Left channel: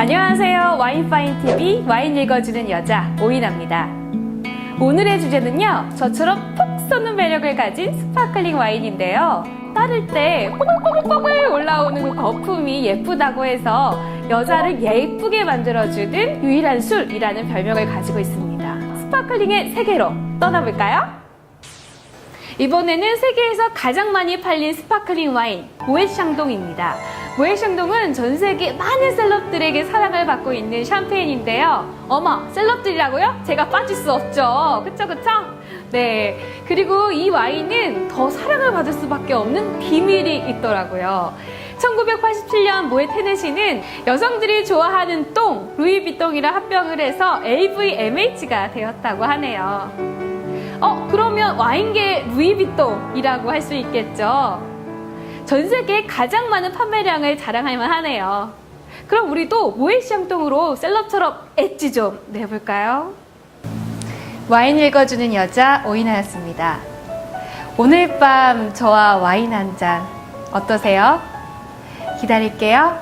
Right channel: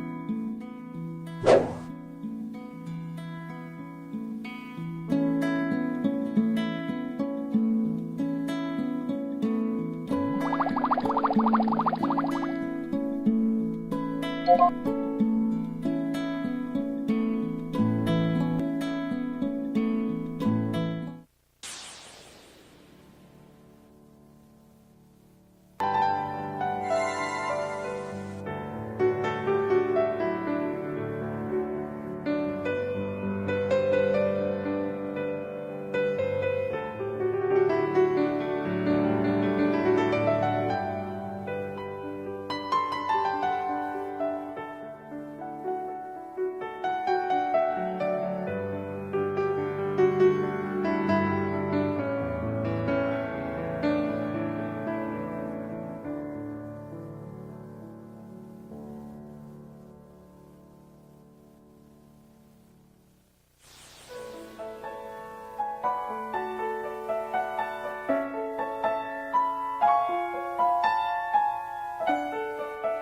안녕하세요. 와인파인TV 와인 읽어주는 여자 오이나입니다. 오늘의 주제는요. 저처럼 푹 쏘는 매력을 가진 스파클링 와인인데요. 따를 때 뽀글뽀글 올라오는 그 거품이 예쁘다고 해서 여자를 예쁘게 만들어주는 유일한 술이라는 별명을 가지고 있습니다. 스파클링의 세계로 떠나볼까요? 이번에는 세계에서 가장 많이 팔린 스파클링 와인 모에샹동입니다. 모에샹동은 전 세계 많은 셀럽들에게 사랑을 받고 있는 샴페인인데요. 어머, 셀럽들이라고요? 제가 빠질 수 없죠. 그쵸, 그쵸? 네. 그리고 이 와인은 더 사랑을 받을 수밖에 없는 비밀이 있더라고요. 1987년 모에 테네시는 여성들이 좋아하는 똥, 루이비똥이랑 합병을 해서 LVMH가 되었다고 하네요. 어, 그러면 와인계 루이비통이라고 할 수 있겠죠. 전 세계 가장 많은 판매량을 자랑할 만 하네요. 그럼 우리도 모에샹똥으로 셀럽처럼 엣지 좀 내볼까요? 와인 읽어주는 여자 오이나였습니다. 오늘 밤 저와 와인 한 잔 어떠세요? 기다릴게요.